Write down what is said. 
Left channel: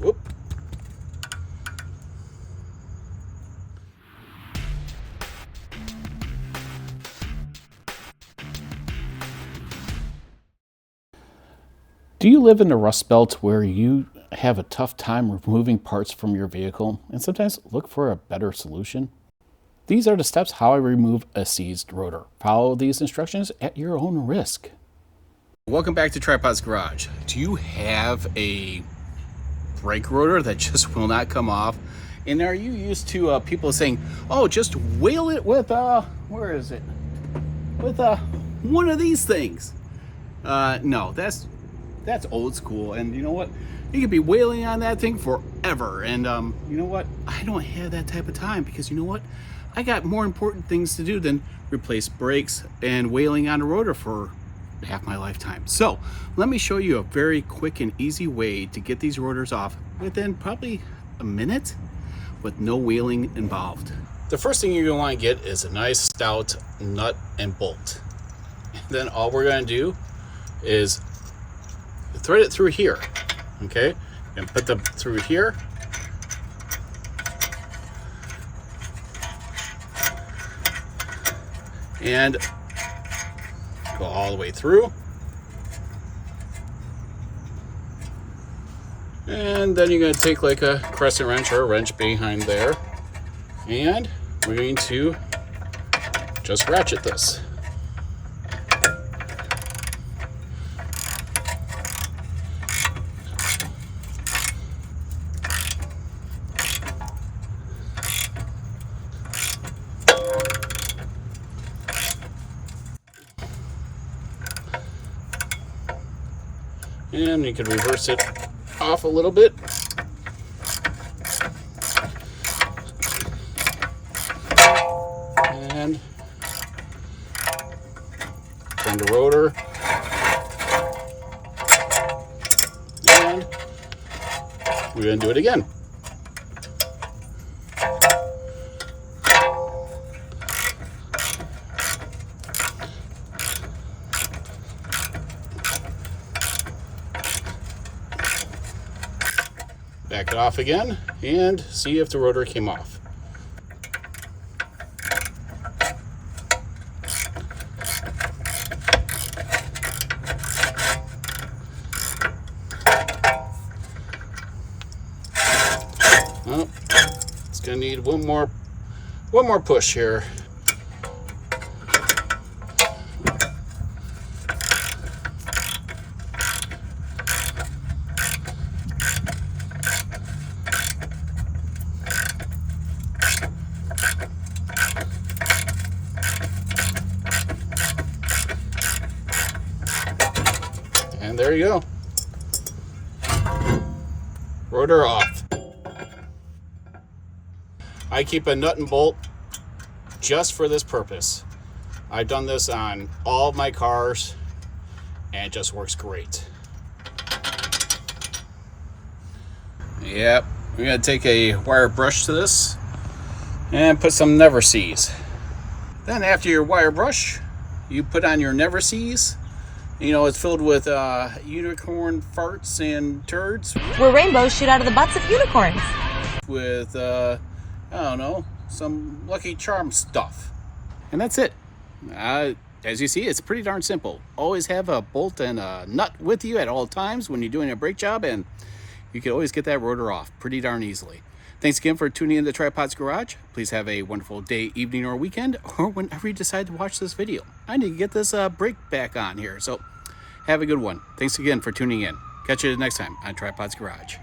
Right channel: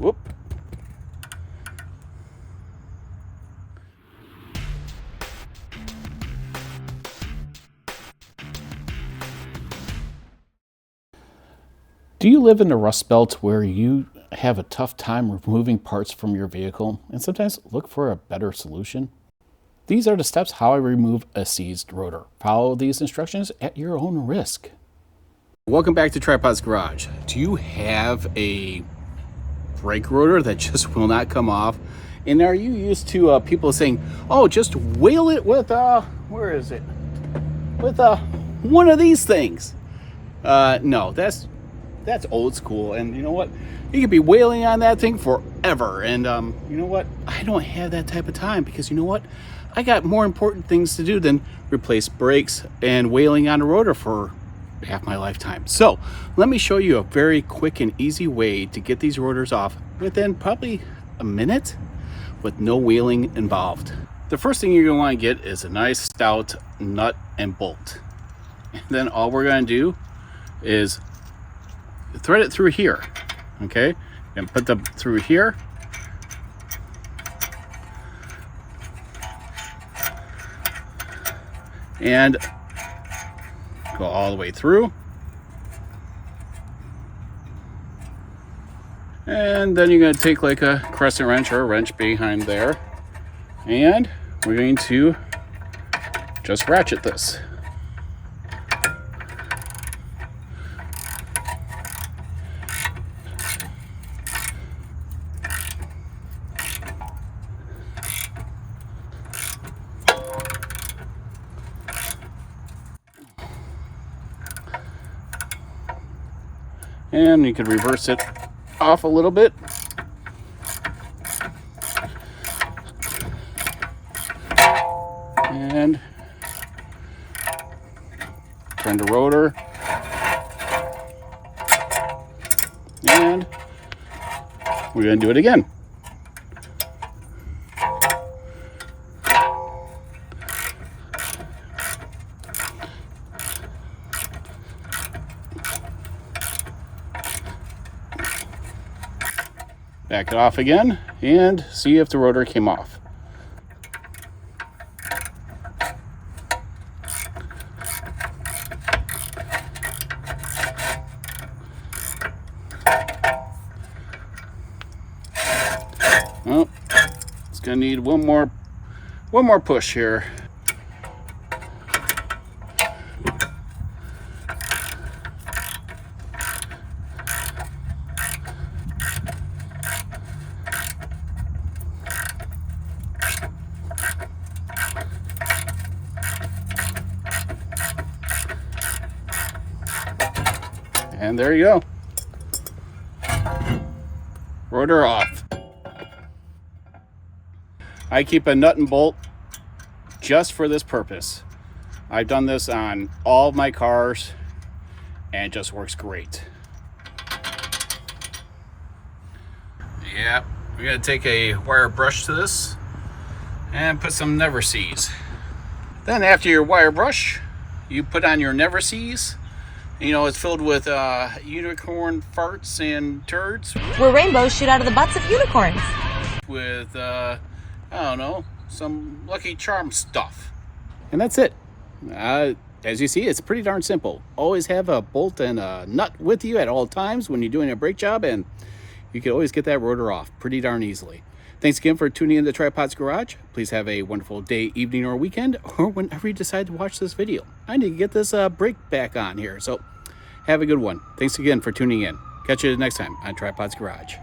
Whoop. Do you live in the Rust Belt where you have a tough time removing parts from your vehicle and sometimes look for a better solution? These are the steps how I remove a seized rotor. Follow these instructions at your own risk. Welcome back to Tripod's Garage. Do you have a brake rotor that just will not come off? And are you used to people saying, oh, just wheel it with, where is it? With one of these things. No, that's old school. And you know what? You could be wailing on that thing forever. And you know what? I don't have that type of time because you know what? I got more important things to do than replace brakes and wailing on a rotor for half my lifetime. So let me show you a very quick and easy way to get these rotors off within probably a minute with no wheeling involved. The first thing you're going to want to get is a nice stout nut and bolt. And then all we're going to do is thread it through here, okay? And put them through here. And go all the way through. And then you're going to take like a crescent wrench or a wrench behind there. And we're going to just ratchet this. And you can reverse it off a little bit. And turn the rotor. And we're going to do it again. Back it off again and see if the rotor came off. Oh, it's gonna need one more push here. And there you go. Rotor off. I keep a nut and bolt just for this purpose. I've done this on all of my cars and it just works great. Yep, we're gonna take a wire brush to this and put some Never Sees. Then after your wire brush, you put on your Never Sees. You know, it's filled with unicorn farts and turds. Where rainbows shoot out of the butts of unicorns. With, I don't know, some Lucky Charm stuff. And that's it. As you see, it's pretty darn simple. Always have a bolt and a nut with you at all times when you're doing a brake job, and you can always get that rotor off pretty darn easily. Thanks again for tuning in to Tripod's Garage. Please have a wonderful day, evening, or weekend, or whenever you decide to watch this video. I need to get this brake back on here, so have a good one. Thanks again for tuning in. Catch you next time on Tripod's Garage.